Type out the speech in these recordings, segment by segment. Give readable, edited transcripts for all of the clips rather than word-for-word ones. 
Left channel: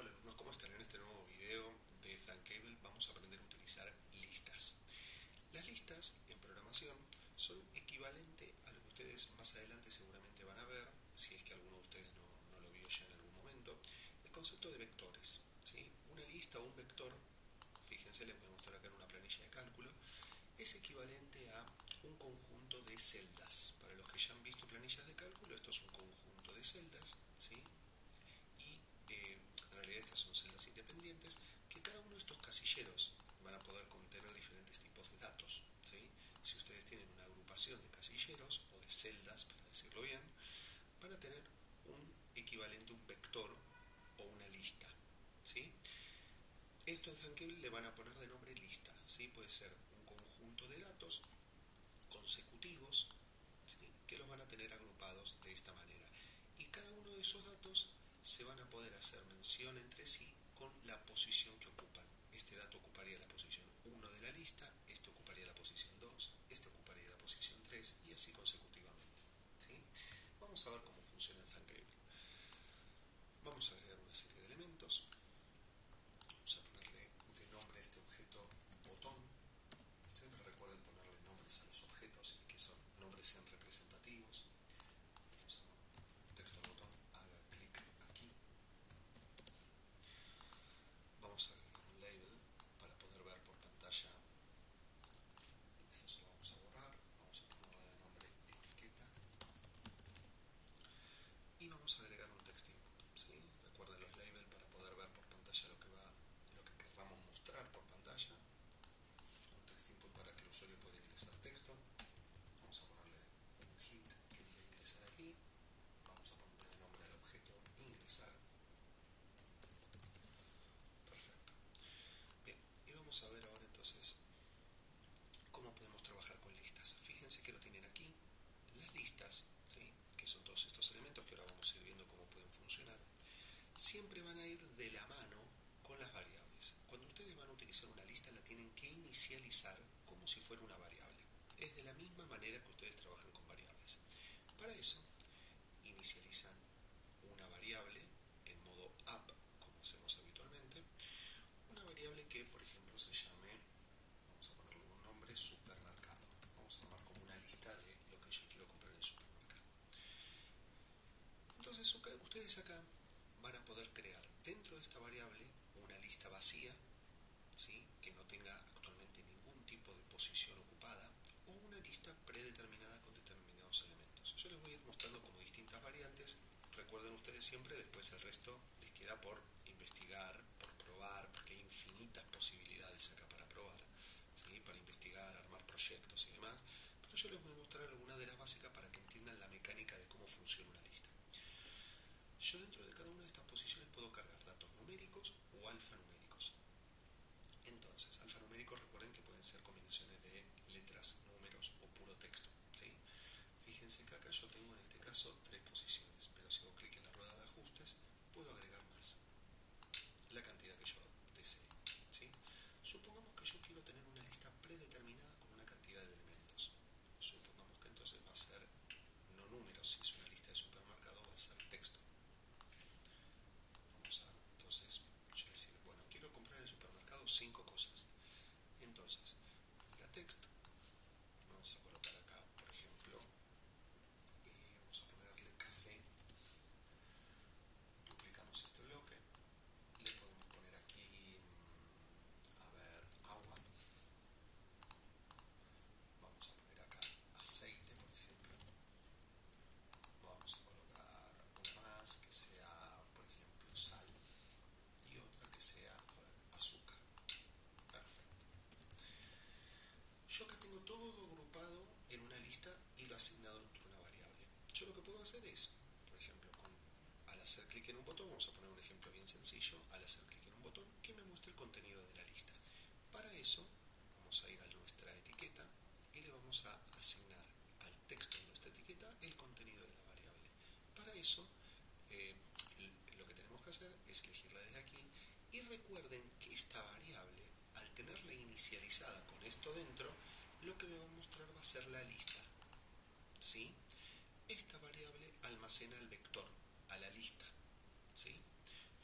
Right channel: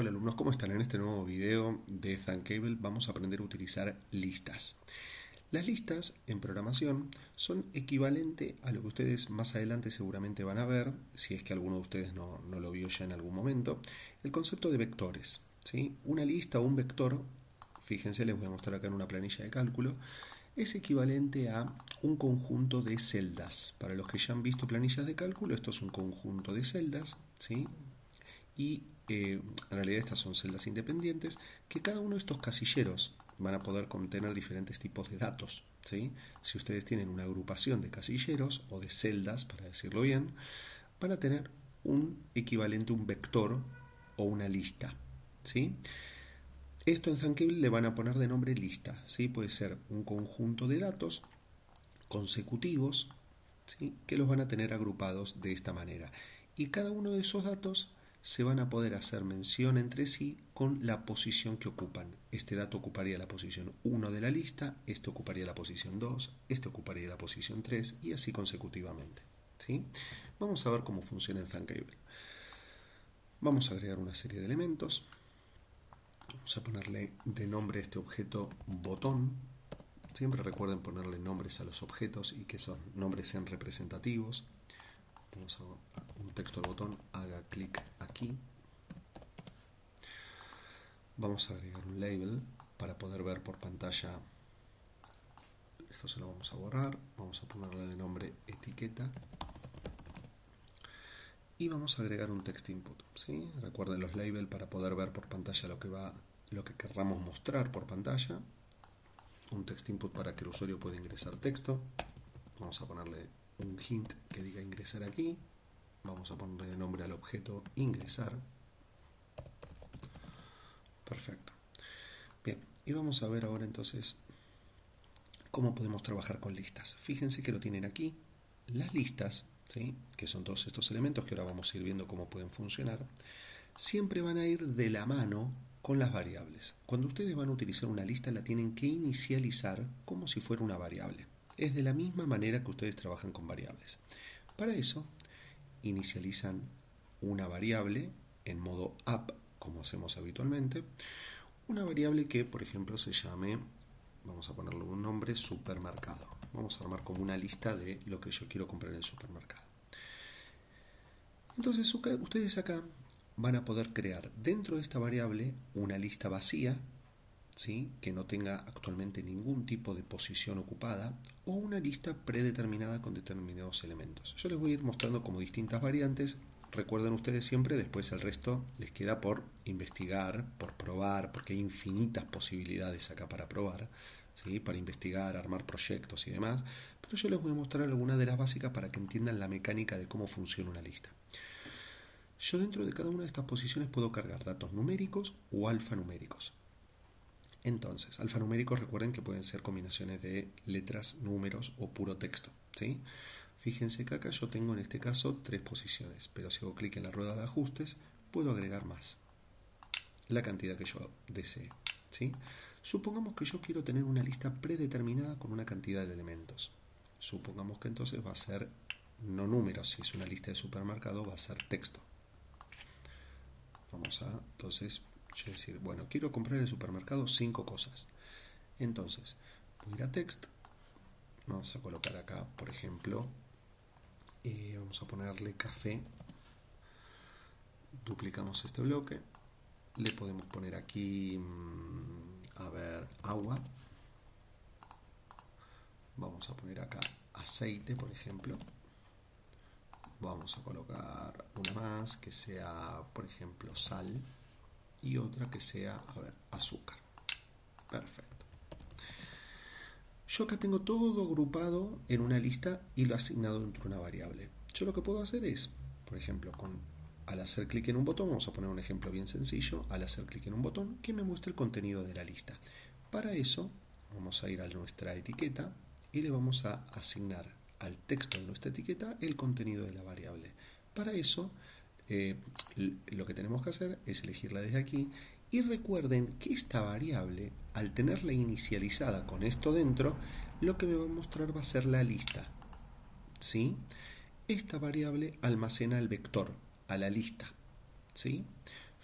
Hola alumnos, ¿cómo están? En este nuevo video de Thuncable vamos a aprender a utilizar listas. Las listas en programación son equivalente a lo que ustedes más adelante seguramente van a ver, si es que alguno de ustedes no lo vio ya en algún momento, el concepto de vectores, ¿sí? Una lista o un vector, fíjense, les voy a mostrar acá en una planilla de cálculo, es equivalente a un conjunto de celdas. Para los que ya han visto planillas de cálculo, esto es un conjunto de celdas, ¿sí? Y en realidad estas son celdas independientes que cada uno de estos casilleros van a poder contener diferentes tipos de datos, ¿sí? Si ustedes tienen una agrupación de casilleros o de celdas, para decirlo bien, van a tener un equivalente, un vector o una lista, ¿sí? Esto en Thuncable le van a poner de nombre lista, ¿sí? Puede ser un conjunto de datos consecutivos, ¿sí? Que los van a tener agrupados de esta manera. Y cada uno de esos datos se van a poder hacer mención entre sí con la posición que ocupan. Este dato ocuparía la posición 1 de la lista, este ocuparía la posición 2, este ocuparía la posición 3 y así consecutivamente, ¿sí? Vamos a ver cómo funciona en Thuncable. Vamos a agregar una serie de elementos. Vamos a ponerle de nombre a este objeto botón. Siempre recuerden ponerle nombres a los objetos y que esos nombres sean representativos. Vamos a un texto de botón, haga clic aquí. Vamos a agregar un label para poder ver por pantalla. Esto se lo vamos a borrar. Vamos a ponerle de nombre etiqueta. Y vamos a agregar un text input, ¿sí? Recuerden los labels para poder ver por pantalla lo que querramos mostrar por pantalla. Un text input para que el usuario pueda ingresar texto. Vamos a ponerle un hint que diga ingresar aquí. Vamos a ponerle de nombre al objeto ingresar. Perfecto. Bien, y vamos a ver ahora entonces cómo podemos trabajar con listas. Fíjense que lo tienen aquí. Las listas, ¿sí? Que son todos estos elementos que ahora vamos a ir viendo cómo pueden funcionar, siempre van a ir de la mano con las variables. Cuando ustedes van a utilizar una lista, la tienen que inicializar como si fuera una variable. Es de la misma manera que ustedes trabajan con variables. Para eso, inicializan una variable en modo app, como hacemos habitualmente. Una variable que, por ejemplo, se llame, vamos a ponerle un nombre, supermercado. Vamos a armar como una lista de lo que yo quiero comprar en el supermercado. Entonces, ustedes acá van a poder crear dentro de esta variable una lista vacía, ¿sí? Que no tenga actualmente ningún tipo de posición ocupada, o una lista predeterminada con determinados elementos. Yo les voy a ir mostrando como distintas variantes. Recuerden ustedes siempre, después el resto les queda por investigar, por probar, porque hay infinitas posibilidades acá para probar, ¿sí? Para investigar, armar proyectos y demás. Pero yo les voy a mostrar algunas de las básicas para que entiendan la mecánica de cómo funciona una lista. Yo dentro de cada una de estas posiciones puedo cargar datos numéricos o alfanuméricos. Entonces, alfanuméricos recuerden que pueden ser combinaciones de letras, números o puro texto, ¿sí? Fíjense que acá yo tengo en este caso 3 posiciones, pero si hago clic en la rueda de ajustes puedo agregar más, la cantidad que yo desee, ¿sí? Supongamos que yo quiero tener una lista predeterminada con una cantidad de elementos. Supongamos que entonces va a ser no números, si es una lista de supermercado va a ser texto. Vamos a, entonces, yo decir, bueno, quiero comprar en el supermercado 5 cosas. Entonces, voy a ir a text, vamos a colocar acá, por ejemplo, vamos a ponerle café, duplicamos este bloque, le podemos poner aquí, a ver, agua, vamos a poner acá aceite, por ejemplo, vamos a colocar una más que sea, por ejemplo, sal, y otra que sea, a ver, azúcar. Perfecto. Yo acá tengo todo agrupado en una lista y lo asignado dentro de una variable. Yo lo que puedo hacer es, por ejemplo, al hacer clic en un botón, vamos a poner un ejemplo bien sencillo, al hacer clic en un botón que me muestre el contenido de la lista. Para eso vamos a ir a nuestra etiqueta y le vamos a asignar al texto de nuestra etiqueta el contenido de la variable. Para eso lo que tenemos que hacer es elegirla desde aquí y recuerden que esta variable, al tenerla inicializada con esto dentro, lo que me va a mostrar va a ser la lista, ¿sí? Esta variable almacena el vector a la lista, ¿sí?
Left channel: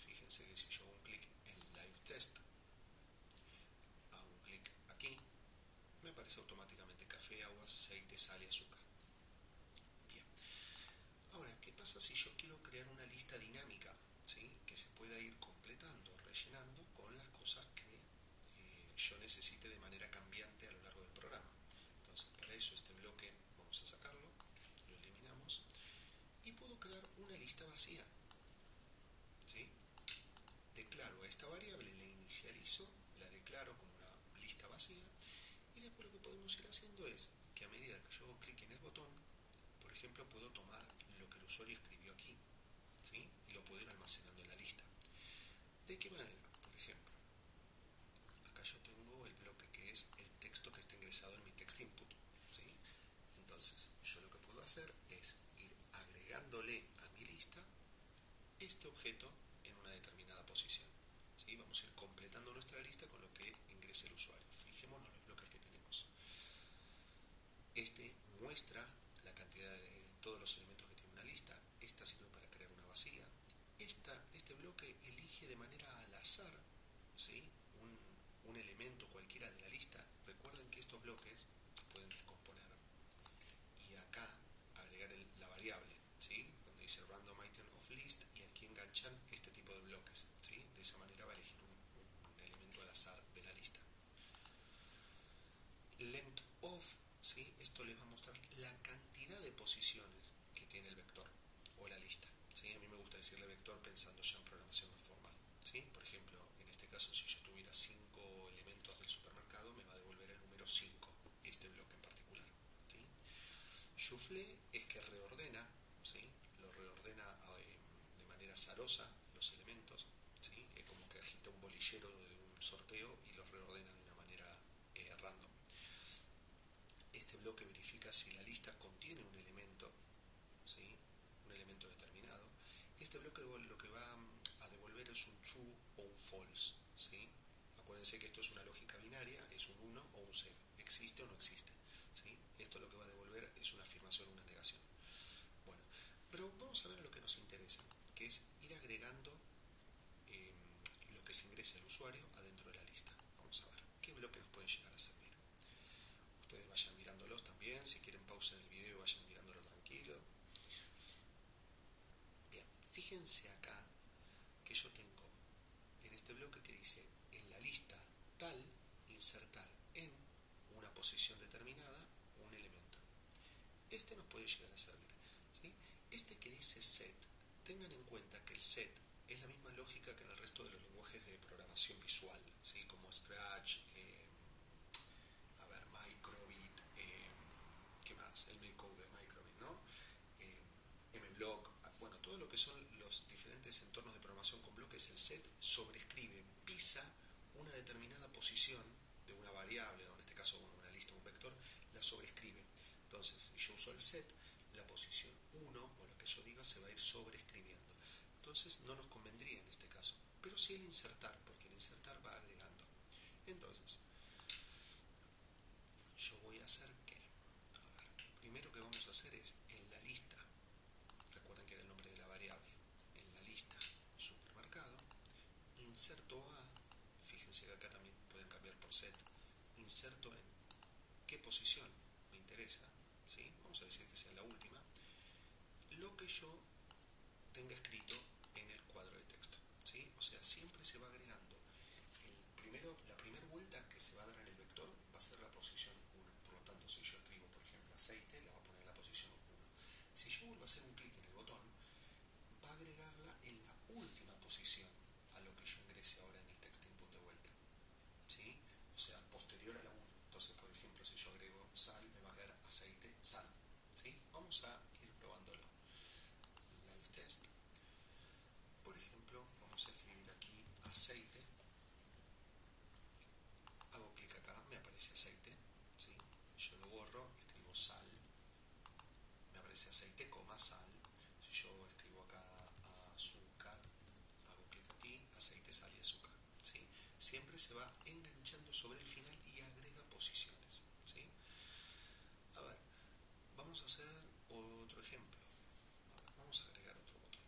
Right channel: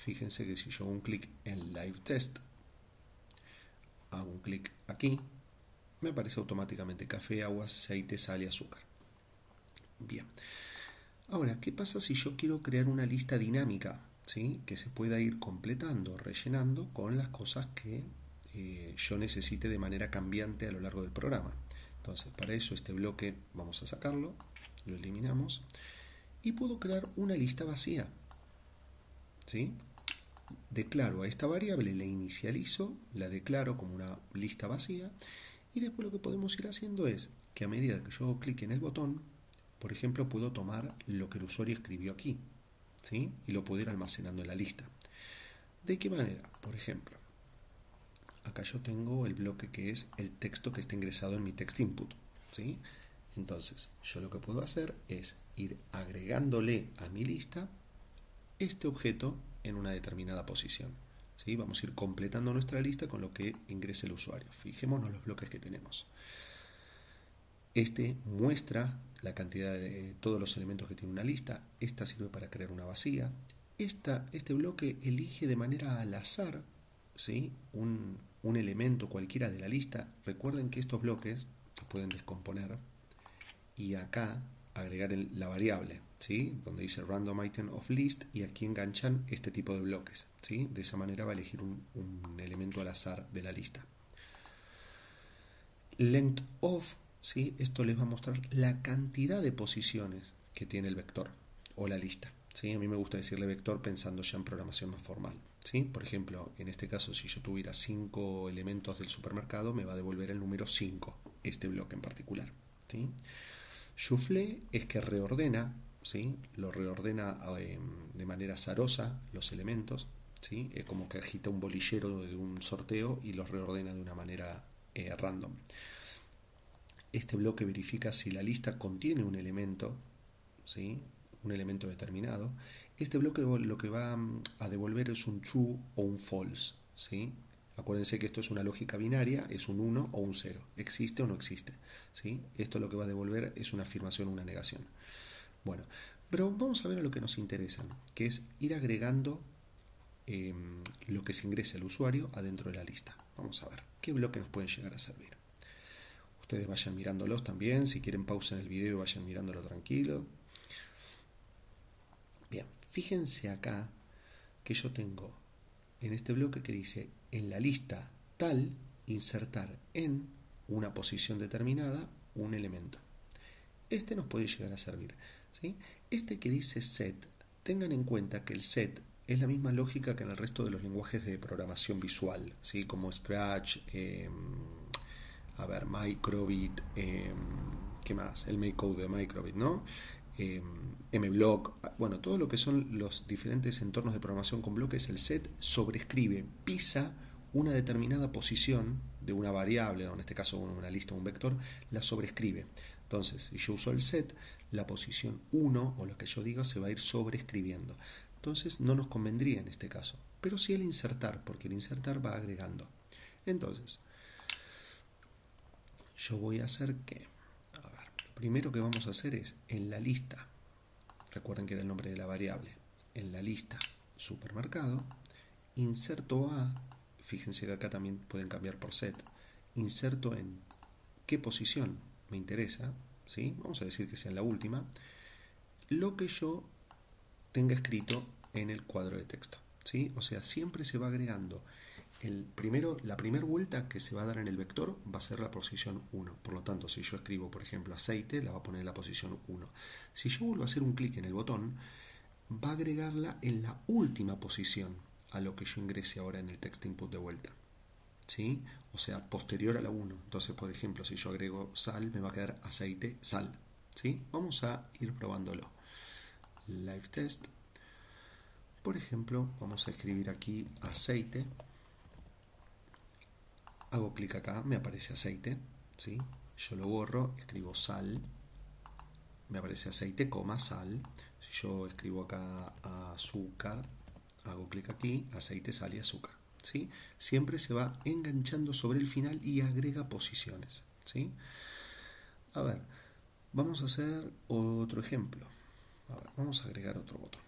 Fíjense que si yo hago un clic en Live Test, hago un clic aquí, me aparece automáticamente café, agua, aceite, sal y azúcar. Bien. Ahora, ¿qué pasa si yo quiero crear una lista dinámica? ¿Sí? Que se pueda ir completando, rellenando con las cosas que yo necesite de manera cambiante a lo largo del programa. Entonces, para eso este bloque vamos a sacarlo, lo eliminamos y puedo crear una lista vacía. ¿Sí? Declaro a esta variable, la inicializo, la declaro como una lista vacía y después lo que podemos ir haciendo es que a medida que yo clique en el botón, por ejemplo, puedo tomar lo que el usuario escribió aquí, ¿sí? Y lo puedo ir almacenando en la lista. ¿De qué manera? Por ejemplo, acá yo tengo el bloque que es el texto que está ingresado en mi text input, ¿sí? Entonces, yo lo que puedo hacer es ir agregándole a mi lista este objeto en una determinada posición, ¿sí? Vamos a ir completando nuestra lista con lo que ingrese el usuario. Fijémonos los bloques que tenemos. Este muestra la cantidad de todos los elementos que tiene una lista. Esta sirve para crear una vacía. Este bloque elige de manera al azar, ¿sí? un elemento cualquiera de la lista. Recuerden que estos bloques se pueden descomponer y acá agregar la variable, ¿sí? Donde dice random item of list, y aquí enganchan este tipo de bloques, ¿sí? De esa manera va a elegir un elemento al azar de la lista. Length of, ¿sí? Esto les va a mostrar la cantidad de posiciones que tiene el vector o la lista, ¿sí? A mí me gusta decirle vector pensando ya en programación más formal, ¿sí? Por ejemplo, en este caso, si yo tuviera 5 elementos del supermercado, me va a devolver el número 5, este bloque en particular, ¿sí? Shuffle es que reordena, ¿sí? Lo reordena de manera azarosa los elementos, ¿sí? Es como que agita un bolillero de un sorteo y los reordena de una manera random. Este bloque verifica si la lista contiene un elemento, ¿sí? Un elemento determinado. Este bloque lo que va a devolver es un true o un false, ¿sí? Acuérdense que esto es una lógica binaria, es un 1 o un 0, existe o no existe, ¿sí? Esto lo que va a devolver es una afirmación o una negación. Bueno, pero vamos a ver a lo que nos interesa, que es ir agregando lo que se ingrese al usuario adentro de la lista. Vamos a ver qué bloque nos pueden llegar a servir. Ustedes vayan mirándolos también, si quieren pausen el video y vayan mirándolo tranquilo. Bien, fíjense acá que yo tengo en este bloque que dice en la lista tal, insertar en una posición determinada un elemento. Este nos puede llegar a servir, ¿sí? Este que dice set, tengan en cuenta que el set es la misma lógica que en el resto de los lenguajes de programación visual, ¿sí? Como Scratch, Microbit, ¿qué más? El MakeCode de Microbit, ¿no? MBlock, bueno, todo lo que son los diferentes entornos de programación con bloques, el set sobrescribe, pisa una determinada posición de una variable, o en este caso una lista o un vector, la sobrescribe. Entonces, si yo uso el set, la posición 1 o lo que yo diga se va a ir sobrescribiendo. Entonces, no nos convendría en este caso, pero sí el insertar, porque el insertar va agregando. Entonces, yo voy a hacer que, lo primero que vamos a hacer es en la lista, recuerden que era el nombre de la variable, en la lista supermercado, inserto a, fíjense que acá también pueden cambiar por set, inserto en qué posición me interesa, ¿sí? Vamos a decir que sea en la última, lo que yo tenga escrito en el cuadro de texto, ¿sí? O sea, siempre se va agregando. La primera vuelta que se va a dar en el vector va a ser la posición 1. Por lo tanto, si yo escribo, por ejemplo, aceite, la va a poner en la posición 1. Si yo vuelvo a hacer un clic en el botón, va a agregarla en la última posición a lo que yo ingrese ahora en el text input de vuelta, ¿sí? O sea, posterior a la 1. Entonces, por ejemplo, si yo agrego sal, me va a quedar aceite, sal, ¿sí? Vamos a ir probándolo. Live test. Por ejemplo, vamos a escribir aquí aceite. Hago clic acá, me aparece aceite, ¿sí? Yo lo borro, escribo sal, me aparece aceite, sal. Si yo escribo acá azúcar, hago clic aquí, aceite, sal y azúcar, ¿sí? Siempre se va enganchando sobre el final y agrega posiciones, ¿sí? A ver, vamos a hacer otro ejemplo. A ver, vamos a agregar otro botón.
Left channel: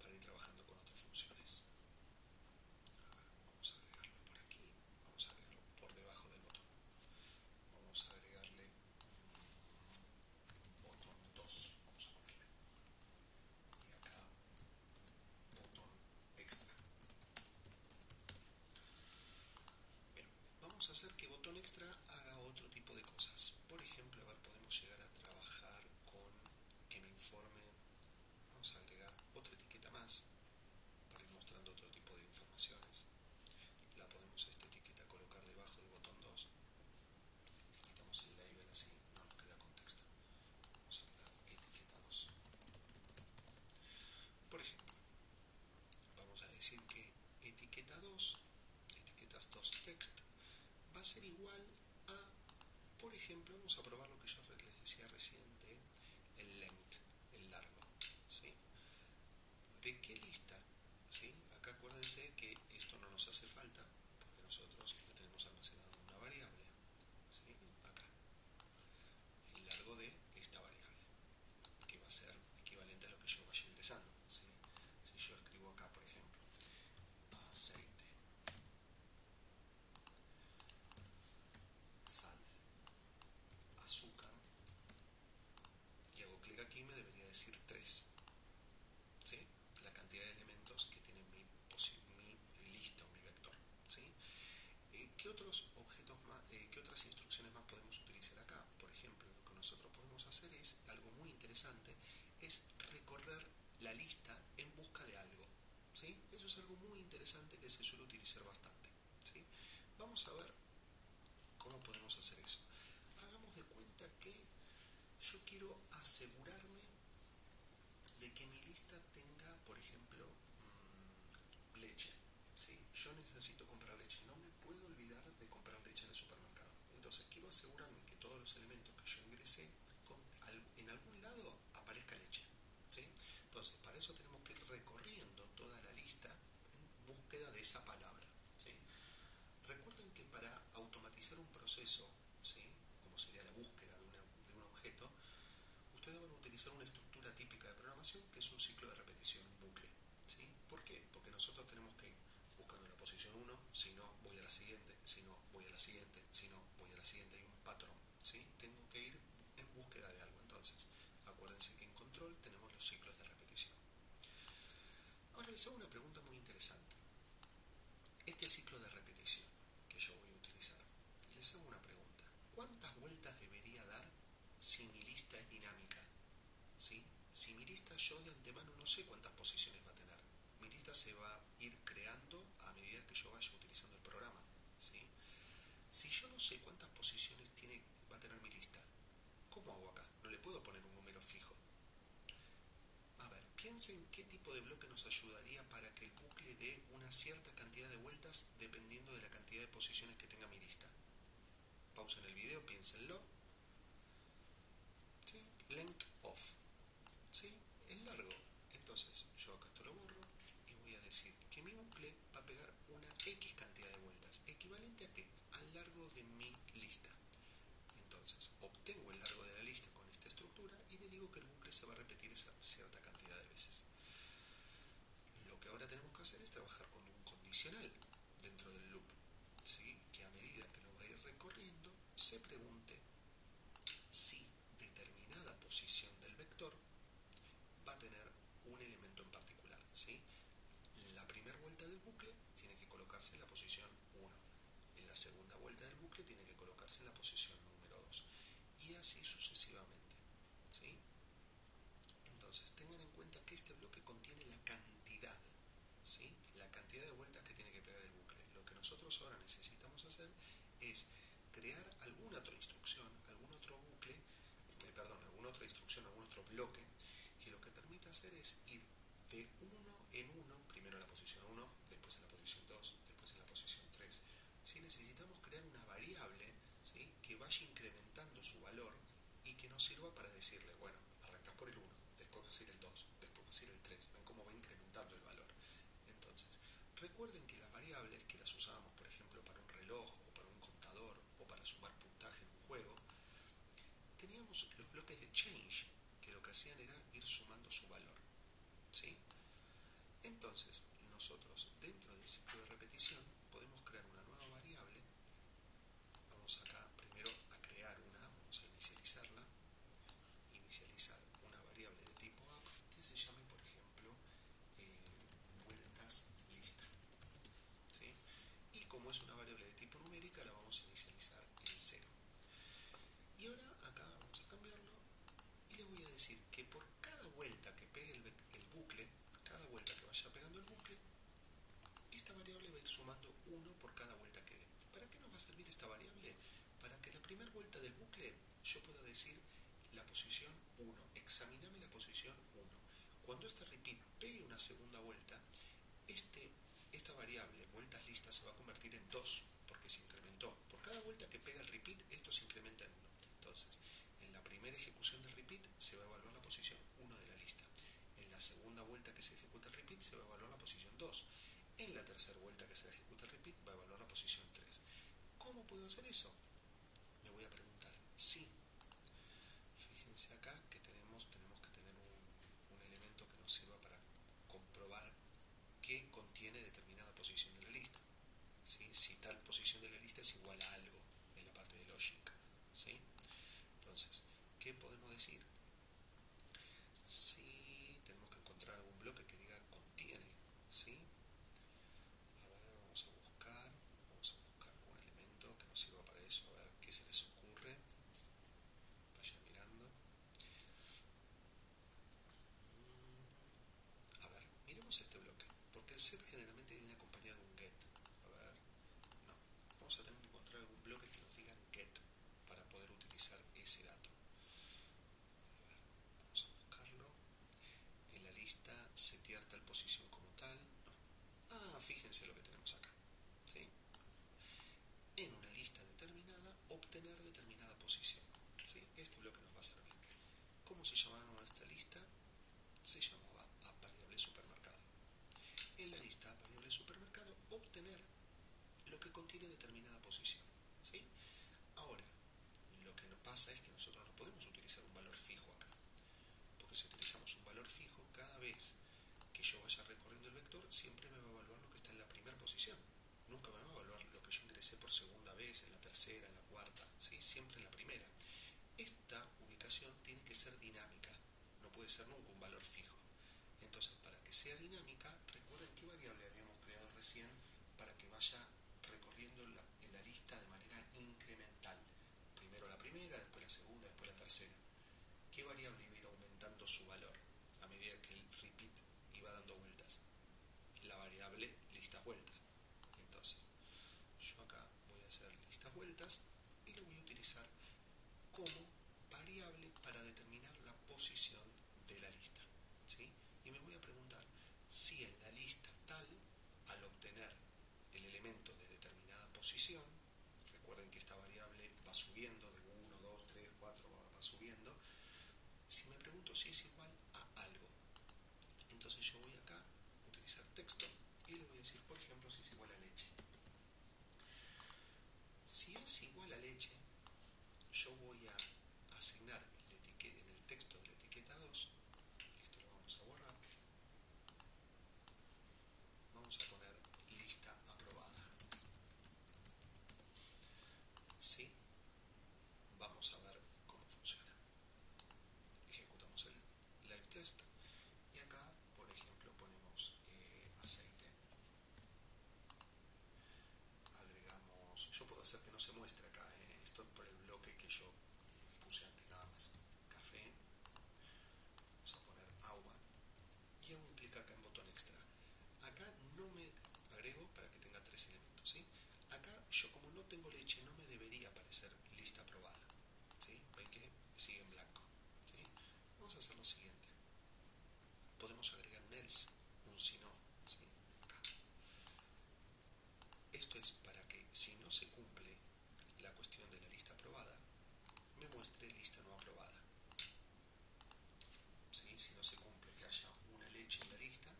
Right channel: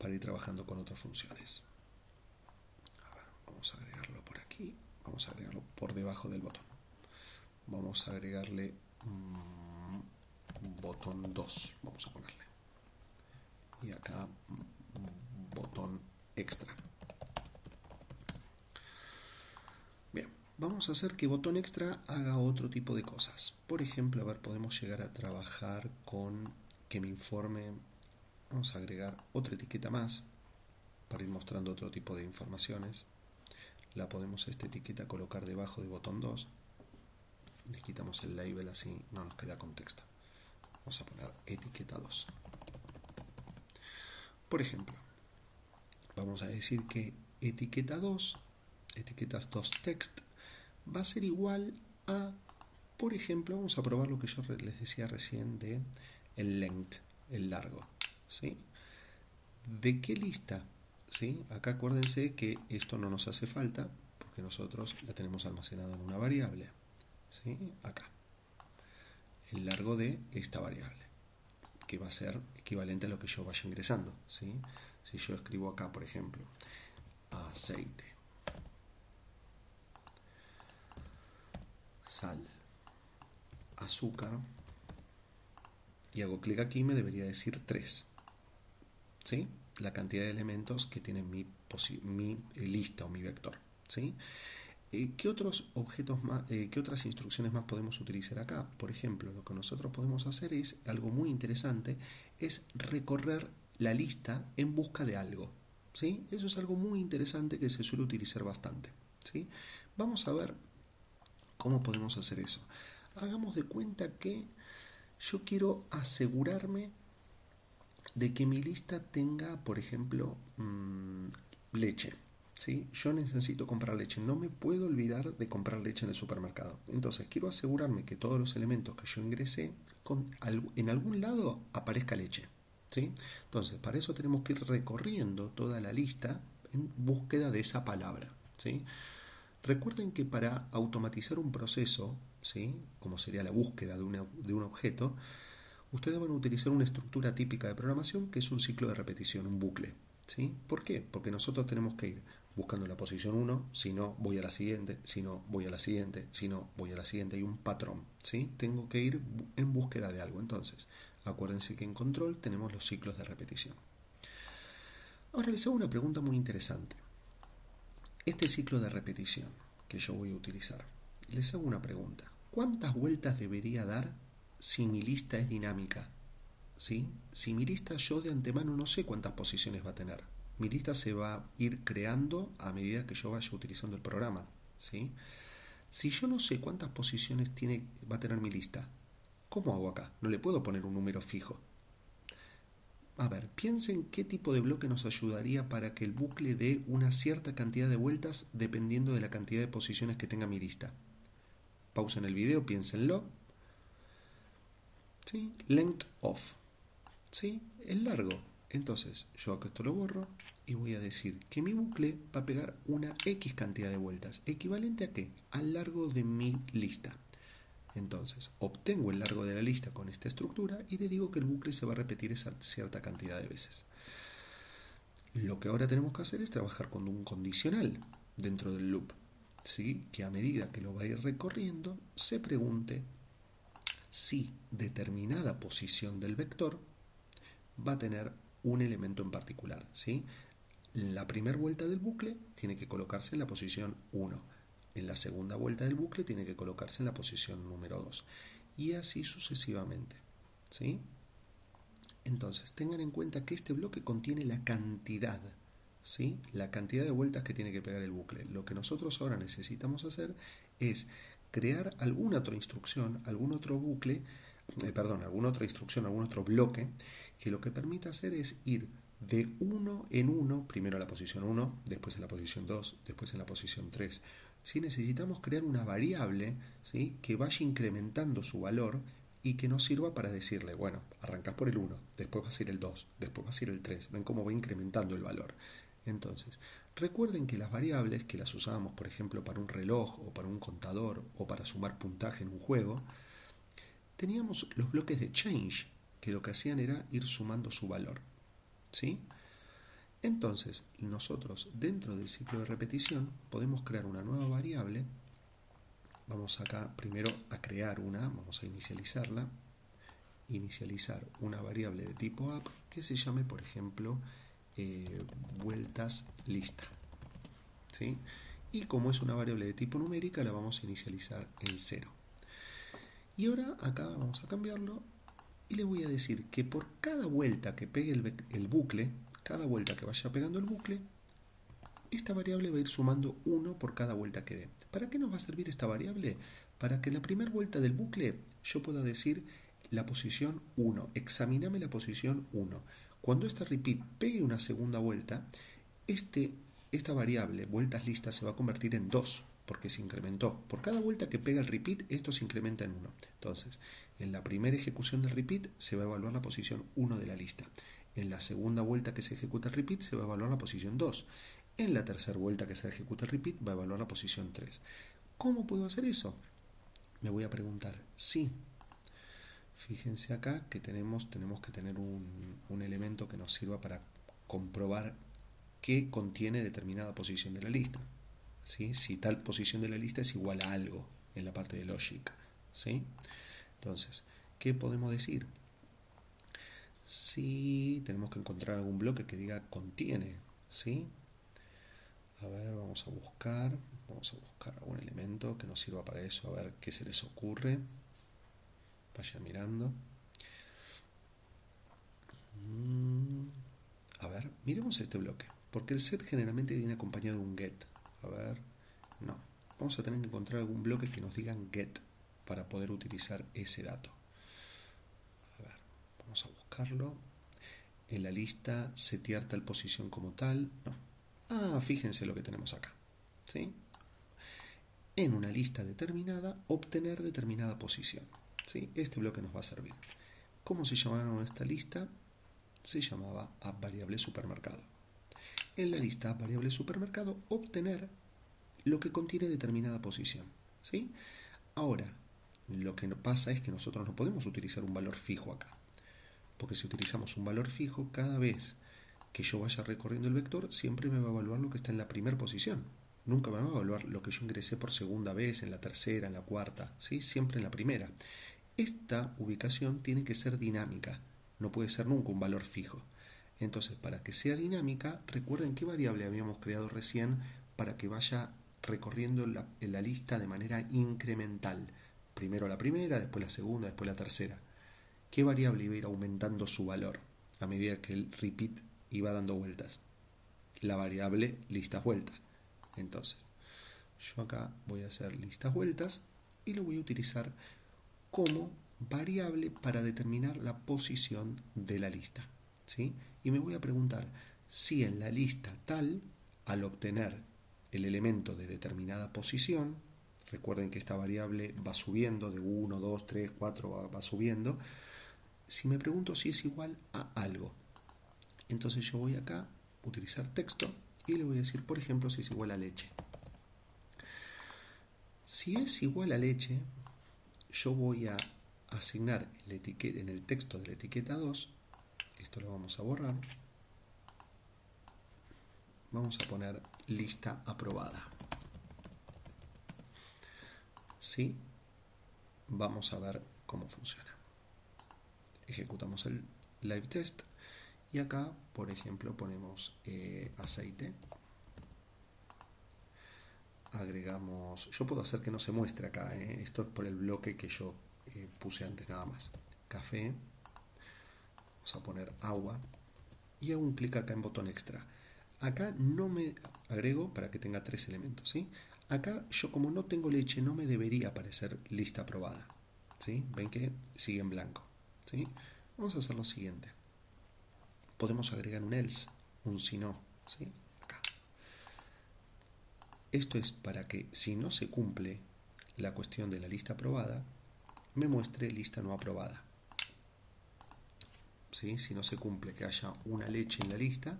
para ir trabajando con otras funciones. A ver, vamos a agregarlo por aquí, vamos a agregarlo por debajo del botón. Vamos a agregarle botón 2, vamos a ponerle. Y acá botón extra. Bien, vamos a hacer que botón extra haga otro tipo de cosas. Por ejemplo, a ver, podemos llegar a trabajar con que me informe. Vamos a agregar otra etiqueta más para ir mostrando otro tipo de informaciones. La podemos esta etiqueta colocar debajo de botón 2. Le quitamos el label, así no nos queda contexto. Vamos a poner etiqueta 2. Por ejemplo, vamos a decir que etiqueta 2, etiquetas 2 text, va a ser igual a, por ejemplo, vamos a probar lo que yo les decía recién de el length, el largo, ¿sí? ¿De qué lista? ¿Sí? Acá acuérdense que esto no nos hace falta porque nosotros la tenemos almacenada en una variable, ¿sí? Acá, el largo de esta variable, que va a ser equivalente a lo que yo vaya ingresando, ¿sí? Si yo escribo acá, por ejemplo, aceite, sal, azúcar, y hago clic aquí, me debería decir 3, ¿sí? La cantidad de elementos que tiene mi lista o mi vector, ¿sí? ¿Qué otros objetos más, qué otras instrucciones más podemos utilizar acá? Por ejemplo, lo que nosotros podemos hacer es algo muy interesante, es recorrer la lista en busca de algo, ¿sí? Eso es algo muy interesante que se suele utilizar bastante, ¿sí? Vamos a ver cómo podemos hacer eso. Hagamos de cuenta que yo quiero asegurarme de que mi lista tenga, por ejemplo, leche. ¿Sí? Yo necesito comprar leche, no me puedo olvidar de comprar leche en el supermercado. Entonces quiero asegurarme que todos los elementos que yo ingresé en algún lado aparezca leche, ¿sí? Entonces para eso tenemos que ir recorriendo toda la lista en búsqueda de esa palabra, ¿sí? Recuerden que para automatizar un proceso, ¿sí? Como sería la búsqueda de un objeto, ustedes van a utilizar una estructura típica de programación que es un ciclo de repetición, un bucle, ¿sí? ¿Por qué? Porque nosotros tenemos que ir buscando la posición 1, si no voy a la siguiente, si no voy a la siguiente, si no voy a la siguiente, hay un patrón, ¿sí? Tengo que ir en búsqueda de algo. Entonces, acuérdense que en control tenemos los ciclos de repetición. Ahora les hago una pregunta muy interesante. Este ciclo de repetición que yo voy a utilizar, les hago una pregunta. ¿Cuántas vueltas debería dar si mi lista es dinámica? ¿Sí? Si mi lista yo de antemano no sé cuántas posiciones va a tener. Mi lista se va a ir creando a medida que yo vaya utilizando el programa, ¿sí? Si yo no sé cuántas posiciones va a tener mi lista, ¿cómo hago acá? No le puedo poner un número fijo. A ver, piensen qué tipo de bloque nos ayudaría para que el bucle dé una cierta cantidad de vueltas dependiendo de la cantidad de posiciones que tenga mi lista. Pausen el video, piénsenlo. ¿Sí? Length of. ¿Sí? Es largo. Entonces, yo acá esto lo borro y voy a decir que mi bucle va a pegar una X cantidad de vueltas. ¿Equivalente a qué? Al largo de mi lista. Entonces, obtengo el largo de la lista con esta estructura y le digo que el bucle se va a repetir esa cierta cantidad de veces. Lo que ahora tenemos que hacer es trabajar con un condicional dentro del loop, ¿sí? Que a medida que lo va a ir recorriendo, se pregunte si determinada posición del vector va a tener un elemento en particular, ¿sí? La primera vuelta del bucle tiene que colocarse en la posición 1. En la segunda vuelta del bucle tiene que colocarse en la posición número 2. Y así sucesivamente, ¿sí? Entonces, tengan en cuenta que este bloque contiene la cantidad, ¿sí? La cantidad de vueltas que tiene que pegar el bucle. Lo que nosotros ahora necesitamos hacer es crear alguna otra instrucción, algún otro bucle, alguna otra instrucción, algún otro bloque, que lo que permita hacer es ir de uno en uno, primero a la posición 1, después en la posición 2, después en la posición 3. ¿Sí? Necesitamos crear una variable, ¿sí? Que vaya incrementando su valor y que nos sirva para decirle, bueno, arrancás por el 1, después va a ser el 2, después va a ser el 3. Ven cómo va incrementando el valor. Entonces, recuerden que las variables que las usábamos, por ejemplo, para un reloj o para un contador o para sumar puntaje en un juego, teníamos los bloques de change, que lo que hacían era ir sumando su valor, ¿sí? Entonces, nosotros dentro del ciclo de repetición podemos crear una nueva variable. Vamos acá primero a crear vamos a inicializarla. Inicializar una variable de tipo app que se llame, por ejemplo, vueltas lista. ¿Sí? Y como es una variable de tipo numérica, la vamos a inicializar en 0. Y ahora acá vamos a cambiarlo y le voy a decir que por cada vuelta que pegue el bucle, cada vuelta que vaya pegando el bucle, esta variable va a ir sumando 1 por cada vuelta que dé. ¿Para qué nos va a servir esta variable? Para que en la primera vuelta del bucle yo pueda decir la posición 1, examiname la posición 1. Cuando esta repeat pegue una segunda vuelta, esta variable, vueltas listas, se va a convertir en 2, porque se incrementó. Por cada vuelta que pega el repeat, esto se incrementa en 1. Entonces, en la primera ejecución del repeat se va a evaluar la posición 1 de la lista. En la segunda vuelta que se ejecuta el repeat se va a evaluar la posición 2. En la tercera vuelta que se ejecuta el repeat va a evaluar la posición 3. ¿Cómo puedo hacer eso? Me voy a preguntar, sí. Fíjense acá que tenemos que tener un elemento que nos sirva para comprobar qué contiene determinada posición de la lista. ¿Sí? Si tal posición de la lista es igual a algo en la parte de logic. ¿Sí? Entonces, ¿qué podemos decir? Si tenemos que encontrar algún bloque que diga contiene. ¿Sí? A ver, vamos a buscar algún elemento que nos sirva para eso, a ver qué se les ocurre. Vayan mirando. A ver, miremos este bloque, porque el set generalmente viene acompañado de un get. A ver, no. Vamos a tener que encontrar algún bloque que nos digan get para poder utilizar ese dato. A ver, vamos a buscarlo. En la lista setear tal posición como tal, no. Ah, fíjense lo que tenemos acá. ¿Sí? En una lista determinada, obtener determinada posición. ¿Sí? Este bloque nos va a servir. ¿Cómo se llamaron esta lista? Se llamaba app_variable supermercado. En la lista app_variable supermercado, obtener lo que contiene determinada posición. ¿Sí? Ahora, lo que pasa es que nosotros no podemos utilizar un valor fijo acá. Porque si utilizamos un valor fijo, cada vez que yo vaya recorriendo el vector, siempre me va a evaluar lo que está en la primera posición. Nunca me va a evaluar lo que yo ingresé por segunda vez, en la tercera, en la cuarta, ¿sí? Siempre en la primera. Esta ubicación tiene que ser dinámica, no puede ser nunca un valor fijo. Entonces, para que sea dinámica, recuerden qué variable habíamos creado recién para que vaya recorriendo la lista de manera incremental. Primero la primera, después la segunda, después la tercera. ¿Qué variable iba a ir aumentando su valor a medida que el repeat iba dando vueltas? La variable listas vueltas. Entonces, yo acá voy a hacer listas vueltas y lo voy a utilizar como variable para determinar la posición de la lista. ¿Sí? Y me voy a preguntar si en la lista tal, al obtener el elemento de determinada posición, recuerden que esta variable va subiendo de 1, 2, 3, 4, va subiendo, si me pregunto si es igual a algo. Entonces yo voy acá a utilizar texto y le voy a decir, por ejemplo, si es igual a leche. Si es igual a leche, yo voy a asignar en el texto de la etiqueta 2, esto lo vamos a borrar, vamos a poner lista aprobada. ¿Sí? Vamos a ver cómo funciona. Ejecutamos el live test y acá, por ejemplo, ponemos aceite. Agregamos, yo puedo hacer que no se muestre acá, esto es por el bloque que yo puse antes nada más. Café, vamos a poner agua y hago un clic acá en botón extra. Acá no me agrego para que tenga 3 elementos, ¿sí? Acá yo como no tengo leche no me debería aparecer lista aprobada, ¿sí? Ven que sigue en blanco, ¿sí? Vamos a hacer lo siguiente. Podemos agregar un else, un si no, ¿sí? Acá. Esto es para que si no se cumple la cuestión de la lista aprobada, me muestre lista no aprobada. ¿Sí? Si no se cumple que haya una leche en la lista,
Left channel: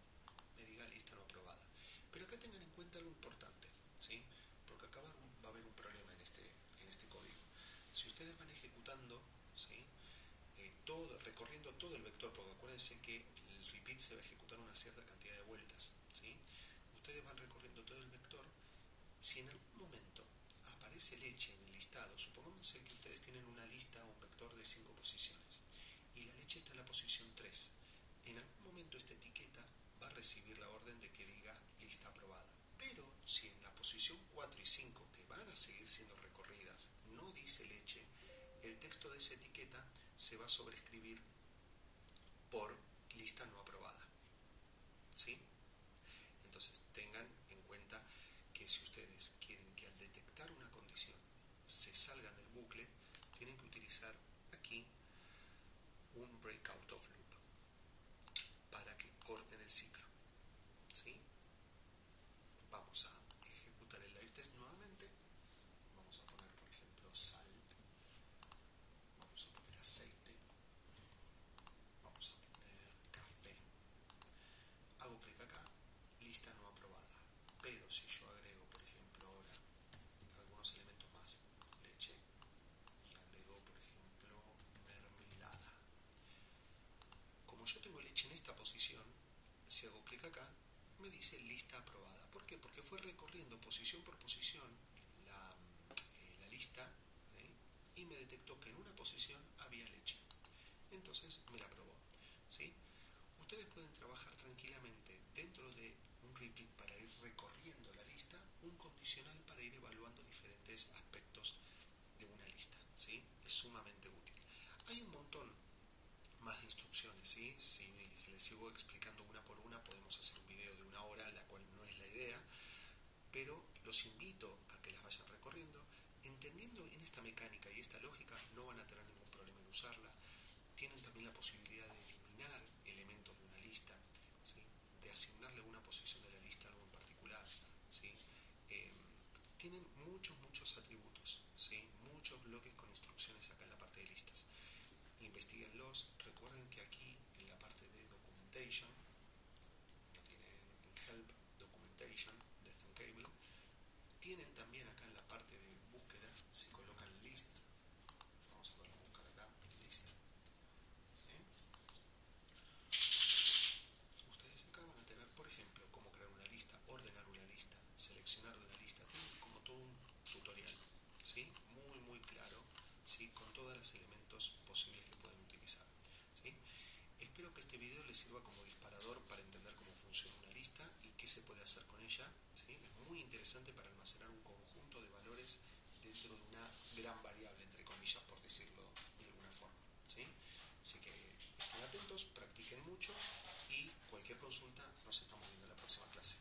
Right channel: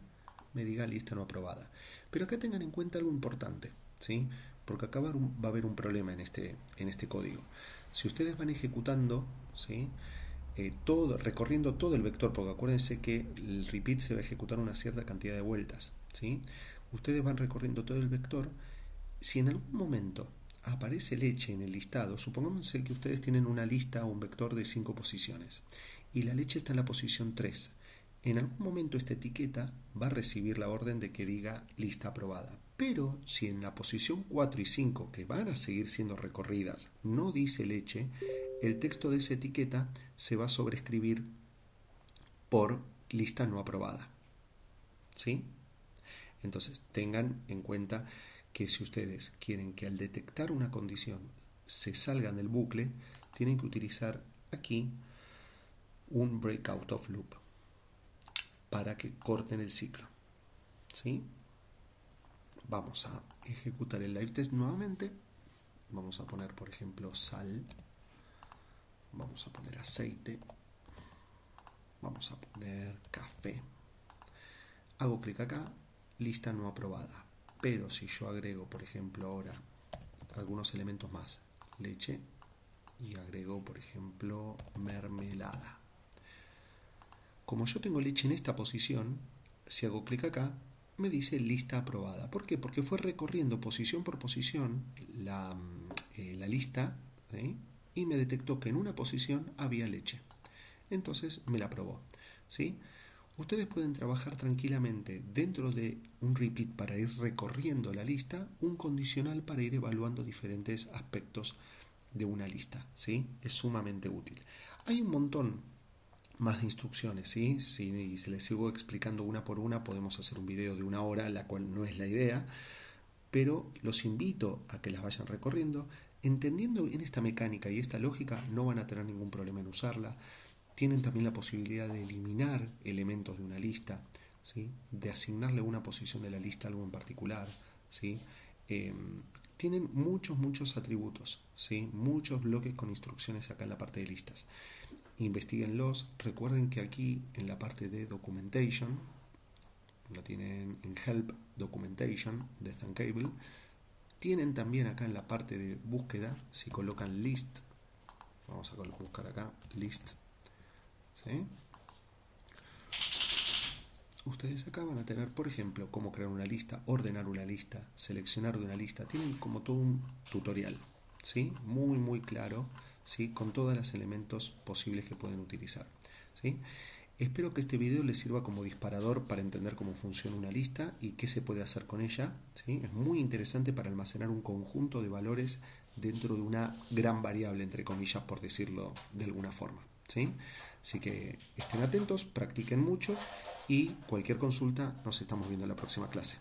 me diga lista no aprobada. Pero acá tengan en cuenta algo importante, ¿sí? Porque acá va a haber un problema en este código. Si ustedes van ejecutando, ¿sí? recorriendo todo el vector, porque acuérdense que el repeat se va a ejecutar una cierta cantidad de vueltas, ¿sí? Ustedes van recorriendo todo el vector. Si en algún momento aparece leche en el listado, supongamos que ustedes tienen una lista o un vector de 5 posiciones y la leche está en la posición 3. En algún momento esta etiqueta va a recibir la orden de que diga lista aprobada. Pero si en la posición 4 y 5, que van a seguir siendo recorridas, no dice leche, el texto de esa etiqueta se va a sobreescribir por lista no aprobada. ¿Sí? Entonces, tengan en cuenta que si ustedes quieren que al detectar una condición se salgan del bucle, tienen que utilizar aquí un breakout of loop para que corten el ciclo. ¿Sí? Vamos a ejecutar el live test nuevamente. Vamos a poner, por ejemplo, sal. Vamos a poner aceite. Vamos a poner café. Hago clic acá, lista no aprobada. Pero si yo agrego, por ejemplo, ahora algunos elementos más, leche, y agrego, por ejemplo, mermelada. Como yo tengo leche en esta posición, si hago clic acá, me dice lista aprobada. ¿Por qué? Porque fue recorriendo posición por posición la lista, ¿sí? Y me detectó que en una posición había leche. Entonces me la aprobó, ¿sí? Ustedes pueden trabajar tranquilamente dentro de un repeat para ir recorriendo la lista, un condicional para ir evaluando diferentes aspectos de una lista, ¿sí? Es sumamente útil. Hay un montón más de instrucciones, ¿sí? Si se les sigo explicando una por una, podemos hacer un video de 1 hora, la cual no es la idea, pero los invito a que las vayan recorriendo. Entendiendo bien esta mecánica y esta lógica, no van a tener ningún problema en usarla. Tienen también la posibilidad de eliminar elementos de una lista, ¿sí? De asignarle una posición de la lista a algo en particular, ¿sí? Tienen muchos atributos, ¿sí? Muchos bloques con instrucciones acá en la parte de listas. Investíguenlos. Recuerden que aquí en la parte de documentation, lo tienen en help documentation de Thunkable, tienen también acá en la parte de búsqueda, si colocan list, vamos a buscar acá list, ¿sí? Ustedes acá van a tener, por ejemplo, cómo crear una lista, ordenar una lista, seleccionar de una lista. Tienen como todo un tutorial, ¿sí? Muy claro, ¿sí? Con todos los elementos posibles que pueden utilizar, ¿sí? Espero que este video les sirva como disparador para entender cómo funciona una lista y qué se puede hacer con ella, ¿sí? Es muy interesante para almacenar un conjunto de valores dentro de una gran variable, entre comillas, por decirlo de alguna forma, ¿sí? Así que estén atentos, practiquen mucho y cualquier consulta nos estamos viendo en la próxima clase.